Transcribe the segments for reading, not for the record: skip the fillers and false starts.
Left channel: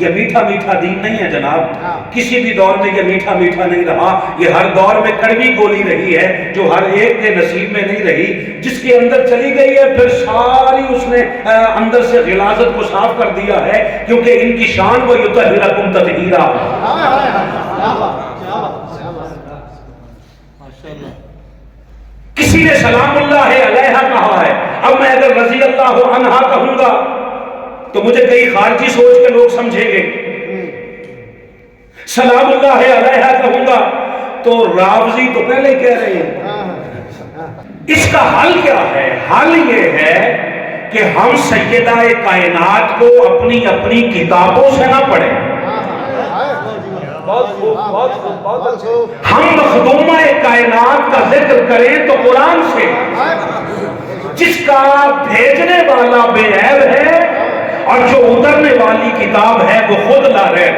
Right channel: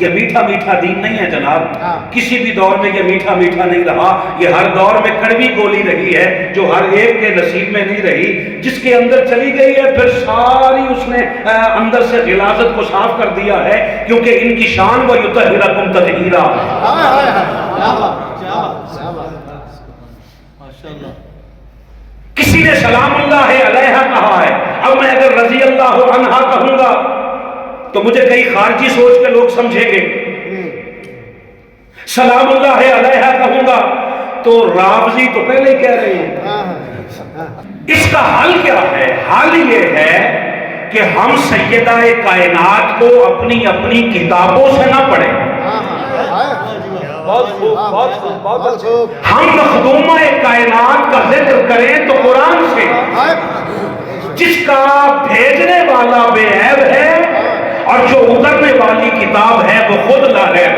یہ میٹھا میٹھا دین نہیں ہے جناب، کسی بھی دور میں یہ میٹھا میٹھا نہیں رہا، یہ ہر دور میں کڑوی گولی رہی ہے جو ہر ایک کے نصیب میں نہیں رہی، جس کے اندر چلی گئی ہے پھر ساری اس نے اندر سے غلاظت کو صاف کر دیا ہے، کیونکہ ان کی شان وَيُطَهِّرَكُمْ تَطْهِيرًا۔ کسی نے سلام اللہ علیہ کہا ہے، اب میں اگر رضی اللہ عنہ کہوں گا تو مجھے کئی خارجی سوچ کے لوگ سمجھیں گے، سلام اللہ علیہ کہوں گا تو رافضی تو پہلے ہی کہہ رہے ہیں۔ اس کا حل کیا ہے؟ حل یہ ہے کہ ہم سیدہ کائنات کو اپنی اپنی کتابوں سے نہ پڑھیں، ہم مخدومہ کائنات کا ذکر کریں تو قرآن سے، جس کا بھیجنے والا بے عیب ہے اور جو اترنے والی کتاب ہے وہ خود لا ریب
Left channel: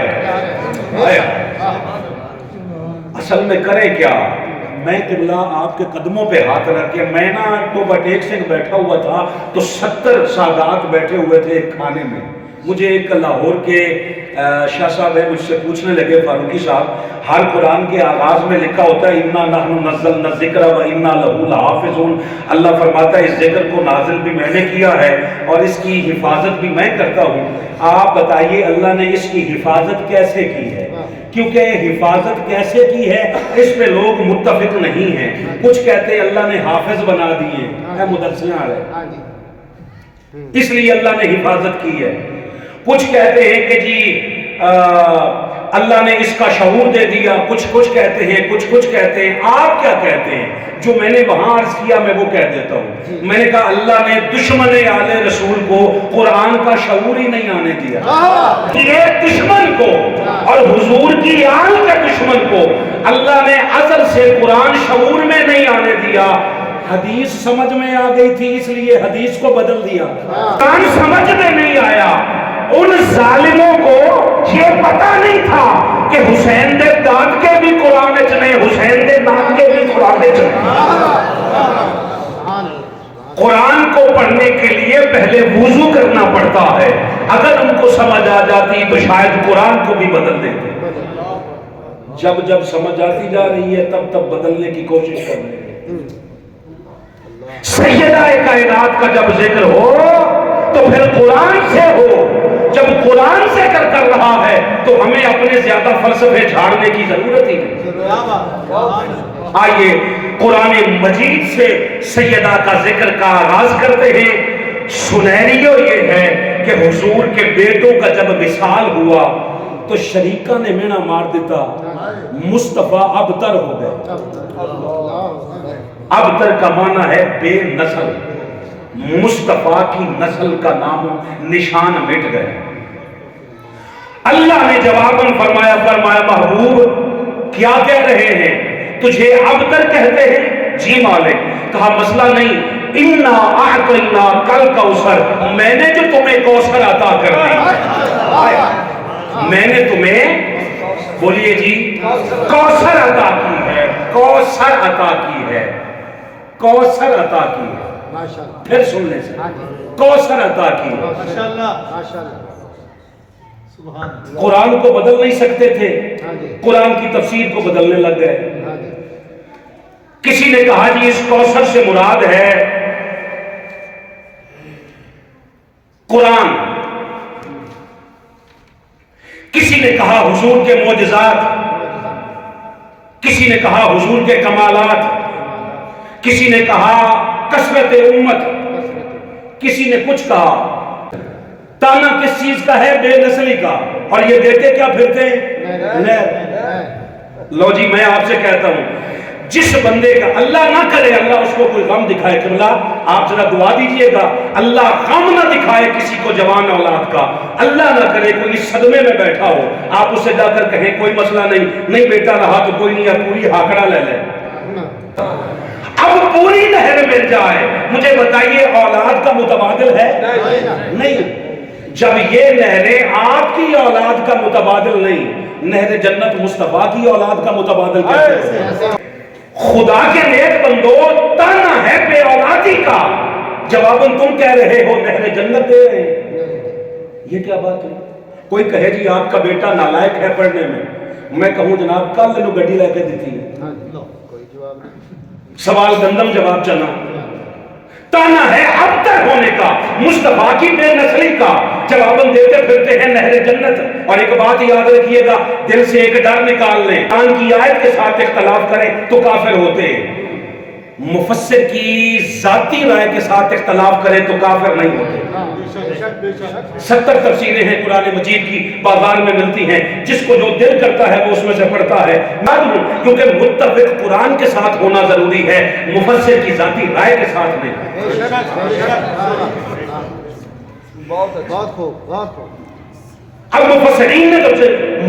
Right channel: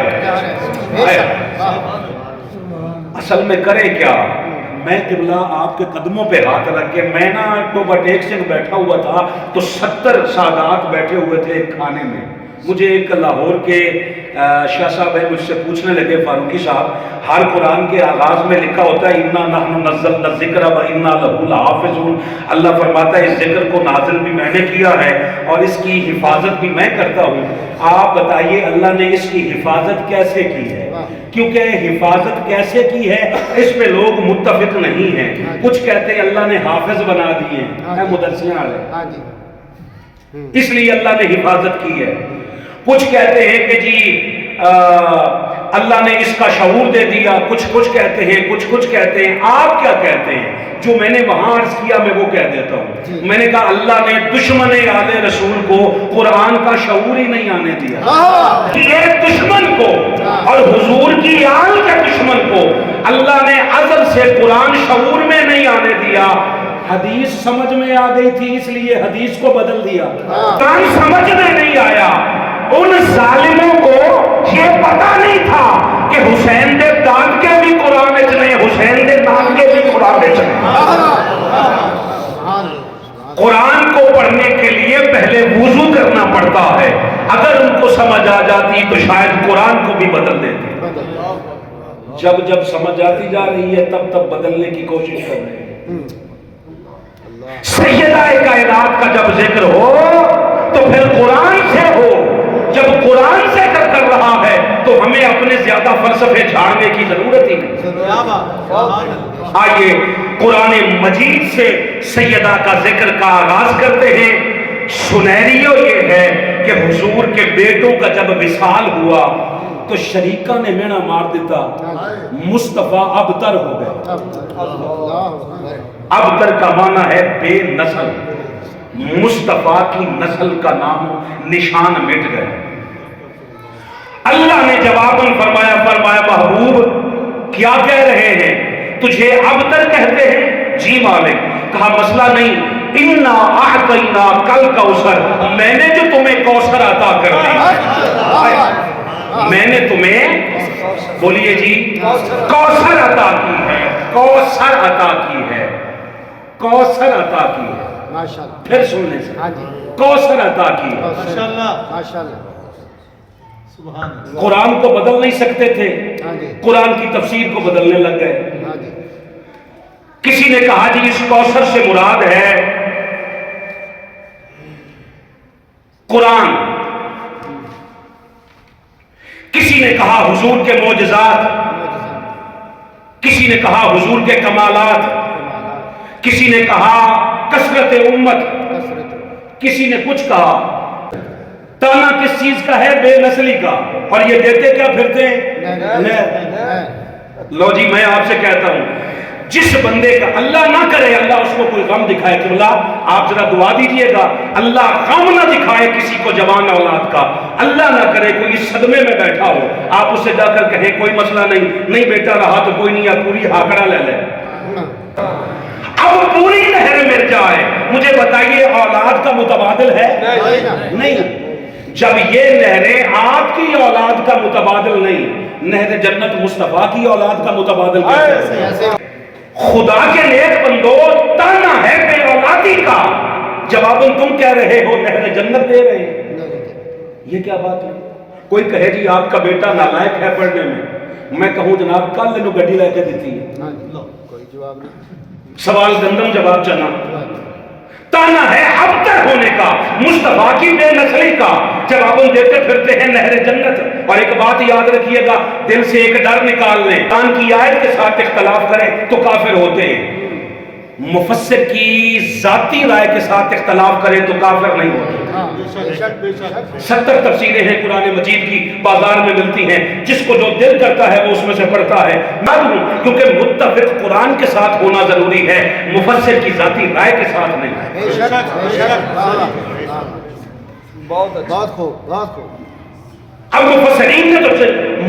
ہے۔ اصل میں کرے کیا؟ میں قبلہ آپ کے قدموں پہ ہاتھ رکھ کے، میں نا ٹوبہ ٹیک سے بیٹھا ہوا تھا تو 70 سادات بیٹھے ہوئے تھے ایک کھانے میں، مجھے ایک لاہور کے شاہ صاحب ہے مجھ سے پوچھنے لگے، فاروقی صاحب ہر قرآن کے آغاز میں لکھا ہوتا ہے اِنَّا نَحْنُ نَزَّلْنَا الذِّكْرَ وَإِنَّا لَهُ لَحَافِظُونَ، اللہ فرماتا ہے اس ذکر کو نازل بھی میں نے کیا ہے اور اس کی حفاظت بھی میں کرتا ہوں۔ آپ بتائیے اللہ نے اس کی حفاظت کیسے کی ہے؟ کیونکہ حفاظت کیسے کی ہے اس پہ لوگ متفق نہیں ہیں، کچھ کہتے ہیں اللہ نے حافظ بنا دیے ہیں، مدرسیاں آ رہے اس لیے اللہ نے حفاظت کی ہے، کچھ کہتے ہیں کہ جی اللہ نے اس کا شعور دے دیا، کچھ کہتے ہیں، کچھ کہتے ہیں۔ آپ کیا کہتے ہیں؟ جو میں نے وہاں عرض کیا میں وہ کہہ دیتا ہوں، میں نے کہا اللہ نے دشمن آل رسول کو قرآن کا شعور ہی نہیں آنے دیا، یہ دشمن کو اور حضور کی آل کے دشمن کو اللہ نے ازل سے قرآن شعور میں نہیں آنے دیا، حدیث سمجھ میں آ گئی تھی اس لیے حدیث کو بدل دیا، قرآن سمجھ میں نہیں آیا۔ ان ظالموں کو یہ پتہ نہیں تھا کہ حسین دے دان کے بھی قرآن چنے، حسین دے دان کے بھی قرآن چنے۔ قرآن کو پڑھنے کے لیے پہلے وضو کرنا پڑتا ہے، اگر ان کو سمجھ آ جاتی تو شاید قرآن کو بھی بدل دیتے، جب سمجھ آتی جا رہی ہے تب بدلنے کی کوشش کر رہے ہیں۔ سیدہ کائنات کا جب ذکر ہو تو پھر قرآن سے ہو، جب قرآن سے کر رہا ہے تو ہمیں اپنے زیادہ فلسفے جھاڑنے کی ضرورت ہی نہیں۔ آئیے قرآن مجید سے سیدہ کا ذکر کا آغاز کرتے ہیں۔ سنیریو یہ ہے کہ حضور کے بیٹوں کا جب وصال ہوا تو شریکہ نے مینا مار دیتا، مصطفیٰ ابتر ہو گئے۔ ابتر کا معنی ہے بے نسل، مصطفیٰ کی نسل کا نام نشان مٹ گئے۔ اللہ نے جواب فرمایا محبوب کیا کہہ رہے ہیں؟ تجھے ابتر کہتے ہیں؟ جی مالک۔ کہا مسئلہ نہیں، اِنَّا أَعْطَيْنَا كَالْكَوْثَرَ، میں نے جو تمہیں کوثر عطا کر دی، میں نے تمہیں بولیے جی کوثر عطا کی ہے، کوثر عطا کی ہے، کوثر عطا کی ہے، پھر سننے سے کوثر عطا کی ہے۔ قرآن کو بدل نہیں سکتے تھے، قرآن کی تفسیر کو بدلنے لگ گئے۔ کسی نے کہا جی اس کوثر سے مراد ہے قرآن، کسی نے کہا حضور کے معجزات، کسی نے کہا حضور کے کمالات، کسی نے کہا کثرت امت، کسی نے کچھ کہا۔ تانا کس چیز کا ہے؟ بے نسلی کا، اور یہ دیتے کیا پھرتے ہیں؟ لو جی میں آپ سے کہتا ہوں جس بندے کا اللہ نہ کرے اللہ اس کو کوئی غم دکھائے، کہ اللہ آپ ذرا دعا دیجئے گا اللہ غم نہ دکھائے کسی کو جوان اولاد کا، اللہ نہ کرے کوئی صدمے میں بیٹھا ہو آپ اسے جا کر کہیں کوئی مسئلہ نہیں بیٹا رہا تو کوئی نہیں، پوری ہاکڑا لے لے، اب پوری نہر مل جائے۔ مجھے بتائیے اولاد کا متبادل ہے؟ نہیں۔ جب یہ نہریں آپ کی اولاد کا متبادل نہیں، نہر جنت مصطفیٰ کی اولاد کا متبادل کیسے ہے؟ خدا کے نیک بندو تانا ہے بے اولادی کا، جواباً تم کہہ رہے ہو نہر جنت دے رہے ہیں، یہ کیا بات ہے؟ کوئی کہے جی آپ کا بیٹا نالائق ہے پڑھنے میں کہوں جناب کل انہوں گڈی لے کے دیتی ہے، سوال گندم جواب چنا۔ تانا ہے اب تک ہونے کا، مصطفیٰ کی بے نسلی کا، جواب دیتے پھرتے ہیں نہر جنت۔ اور ایک بات یاد رکھیے گا، دل سے ایک ڈر نکال لیں، قرآن کی آیت کے ساتھ اختلاف کریں تو کافر ہوتے ہیں، مفسر کی ذاتی رائے کے ساتھ اختلاف کریں تو کافر نہیں ہوتے۔ 70 تفسیریں ہیں قرآن مجید کی، بازار میں ملتی ہیں، جس کو جو دل کرتا ہے وہ اس میں سے پڑھتا ہے، معلوم کیونکہ متفق قرآن کے ساتھ ہونا ضروری ہے، مفسر کی ذاتی رائے کے ساتھ نہیں۔ اب مفسرین نے تو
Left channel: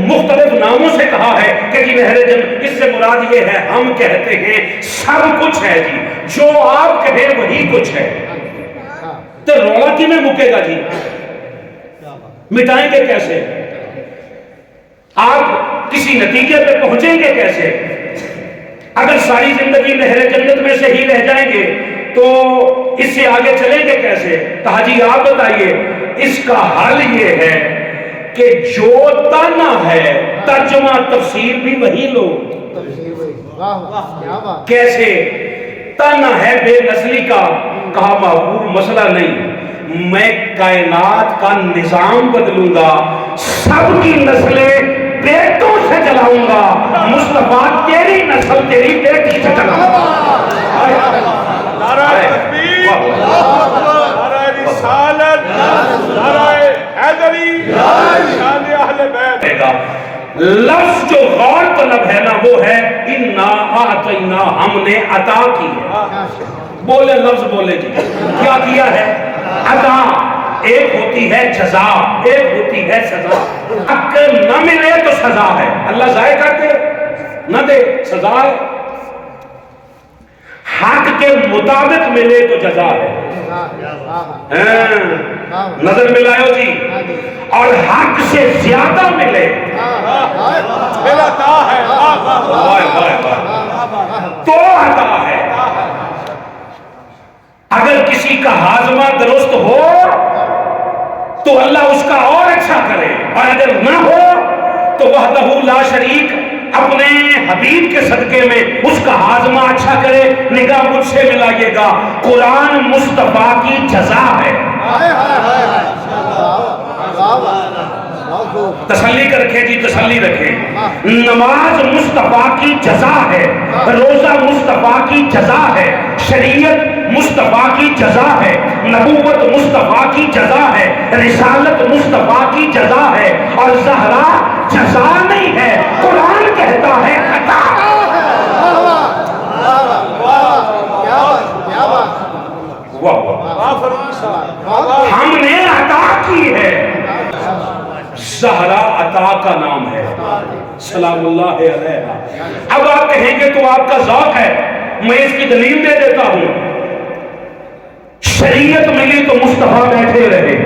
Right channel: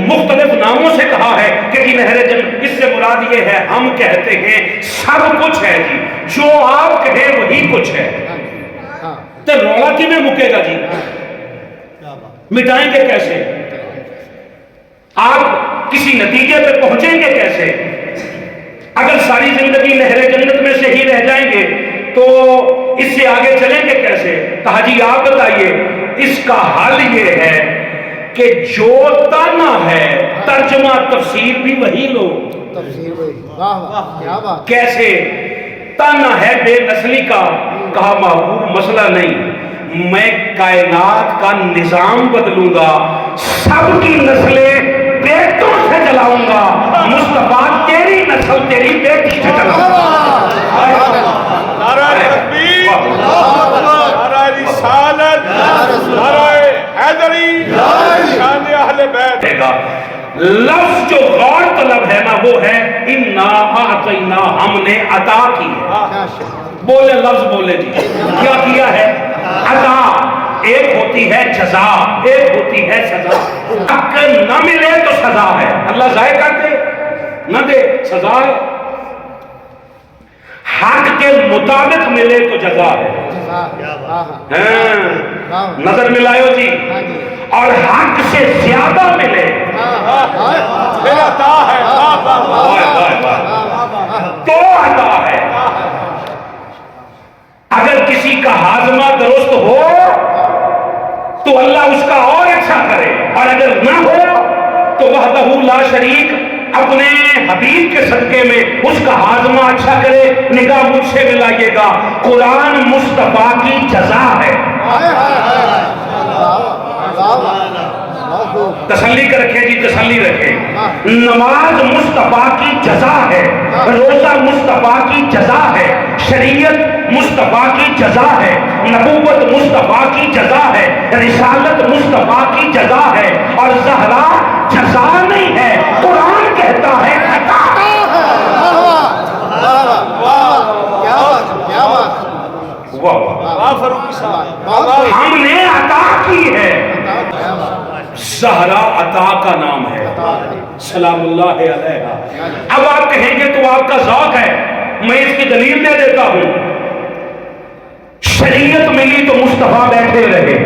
مختلف ناموں سے کہا ہے کہ جی نہر جنت، اس سے مراد یہ ہے، ہم کہتے ہیں سب کچھ ہے جی، جو آپ کہیں وہی کچھ ہے، تو رولا کی میں مکے گا جی، مٹائیں گے کیسے؟ آپ کسی نتیجے پہ پہنچیں گے کیسے؟ اگر ساری زندگی نہر جنت میں سے ہی رہ جائیں گے تو اس سے آگے چلیں گے کیسے؟ حاجی آپ بتائیے، اس کا حل یہ ہے کہ جو تانا ہے ترجمہ تفسیر بھی وہی لو۔ کیسے؟ تانا ہے بے نسلی کا، کہا محبوب مسئلہ نہیں، میں کائنات کا نظام بدلوں گا، سب کی نسلیں بیٹوں سے چلاؤں گا، مصطفیٰ تیری نسل تیری بیٹی سے چلاؤں گا۔ نعرہ تکبیر، نعرہ رسالت، نعرہ حیدری، شان اہل بیت۔ لفظ جو غور طلب ہے نا وہ ہے اِنَّا أَعْطَيْنَا، ہم نے عطا کی ہے۔ بولے لفظ بولے جی، کیا کیا ہے؟ عطا۔ ایک ہوتی ہے جزا، ایک ہوتی ہے سزا۔ حق نہ ملے تو سزا ہے، اللہ ضائع کر دے نہ دے سزا ہے، حق کے مطابق ملے تو جزا ہے۔ نظر ملائیو جی، اور حق سے زیادہ ملے پھر عطا ہے، تو عطا ہے۔ اگر کسی کا ہاضمہ درست ہو تو اللہ اس کا اور اچھا کرے، اور اگر نہ ہو تو وحدہ لا شریک اپنے حبیب کے صدقے میں اس کا ہاضمہ اچھا کرے۔ نگاہ مجھ سے ملائیے گا، قرآن مصطفیٰ کی جزا ہے۔ تسلی کر رکھیں جی، تسلی رکھیں۔ نماز مصطفیٰ کی جزا ہے، روزہ مصطفیٰ کی جزا ہے، شریعت مصطفیٰ کی جزا ہے، نبوت مصطفیٰ کی جزا ہے، رسالت مصطفیٰ کی جزا ہے، اور زہرا جزا نہیں ہے، قرآن کہتا ہے عطا۔ ہم نے عطا کی ہے، زہرا عطا کا نام ہے، سلام اللہ علیہا۔ اب آپ کہیں گے تو آپ کا ذوق ہے، میں اس کی دلیل دے دیتا ہوں۔ شریعت ملی تو مصطفیٰ بیٹھے رہے،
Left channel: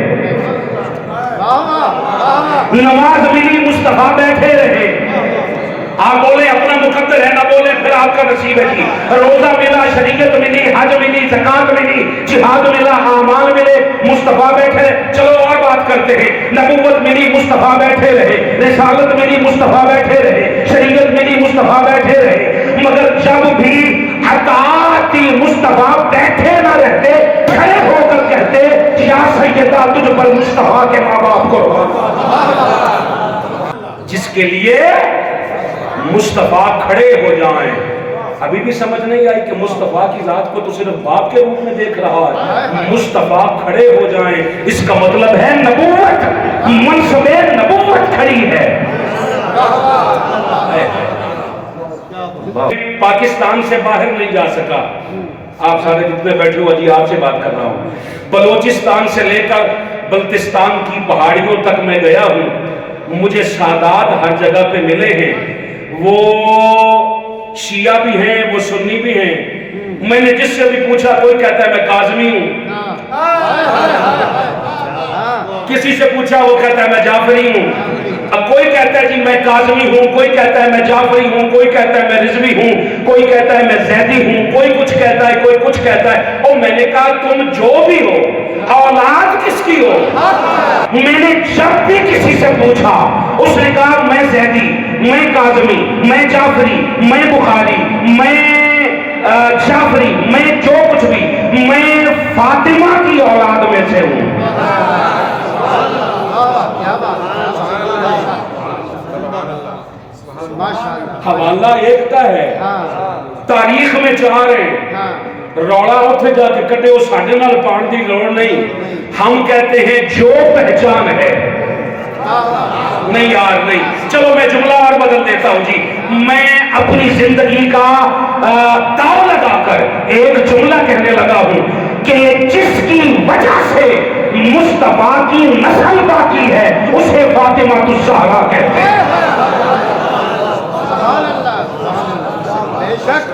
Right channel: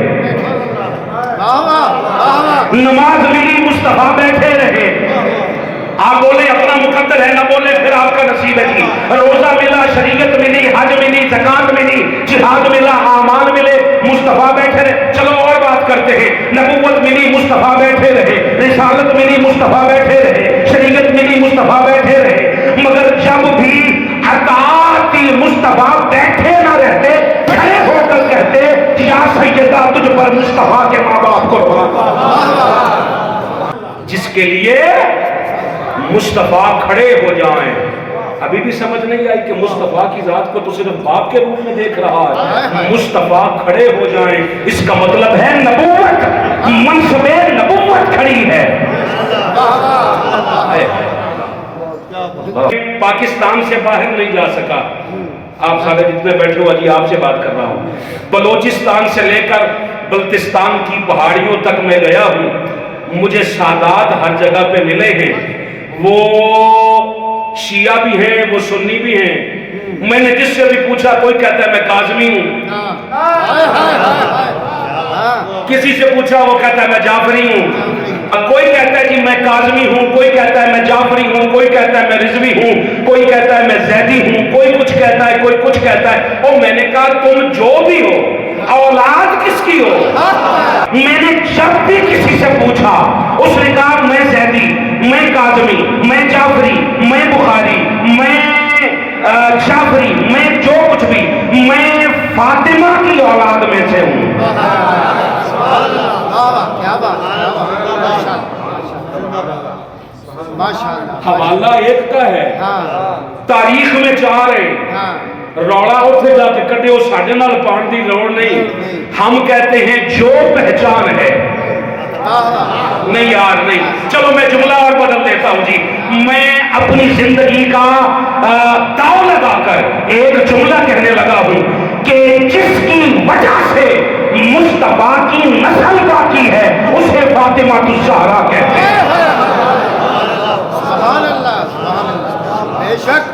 نماز ملی مصطفیٰ بیٹھے رہے۔ آپ بولیں اپنا مقدر ہے، نہ بولیں پھر آپ کا نصیب ہے جی۔ روزہ ملا، شریعت ملی، حج ملی، زکات ملی، جہاد ملا، اعمال ملے، مصطفیٰ بیٹھے رہے۔ چلو اور بات کرتے ہیں، نبوت ملی مصطفیٰ بیٹھے رہے، رسالت ملی مصطفیٰ بیٹھے رہے، شریعت ملی مصطفیٰ بیٹھے رہے، مگر جب بھی عطا تھی مصطفیٰ بیٹھے نہ رہتے، کھڑے ہو کر کہتے یا سیدہ تجھ پر مصطفیٰ کے ماں باپ کو جس کے لیے مصطفیٰ کھڑے ہو جائیں۔ ابھی بھی سمجھ نہیں آئی کہ مصطفیٰ کی ذات کو تو صرف باپ کے روپ میں دیکھ رہا ہے، مصطفیٰ کھڑے ہو جائیں، اس کا مطلب ہے نبوت، منصب نبوت کھڑی ہے۔ پاکستان سے باہر نہیں جا سکا، آپ سارے جتنے بیٹھے ہو جی آپ سے بات کر رہا ہوں، بلوچستان سے لے کر بلتستان کی پہاڑیوں تک میں گیا ہوں، مجھے سادات ہر جگہ پہ ملے ہیں، وہ شیعہ بھی ہیں، وہ سنی بھی ہیں۔ میں نے جس سے بھی پوچھا کوئی کہتا ہے میں کاظمی ہوں، کسی سے پوچھا وہ کہتا ہے میں جعفری ہوں، کوئی کہتا ہے جی میں کاظمی ہوں، کوئی کہتا ہے میں جعفری ہوں، کوئی کہتا ہے میں رضوی ہوں، کوئی کہتا ہے میں زیدی ہوں، کوئی کچھ کہتا ہے، کوئی کچھ کہتا ہے۔ اور میں نے کہا تم جو بھی ہو، اولاد کس کی ہو؟ میں نے جب بھی کسی سے پوچھا حوالہ ایک کا ہے، تاریخ میں چار ہے، روڑا اتنے جا کے کٹے وہ ساڑھے نال پان دی لوڑ نہیں. ہم کہتے ہیں جو پہچان ہے. نہیں یار نہیں، چلو میں جملہ اور بدل دیتا ہوں جی. میں اپنی زندگی کا داؤ لگا کر ایک جملہ کہنے لگا ہوں کہ جس کی وجہ سے مصطفیٰ کی نسل باقی ہے اسے فاطمہ الزہرا کہتے ہیں. سبحان اللہ، بے شک.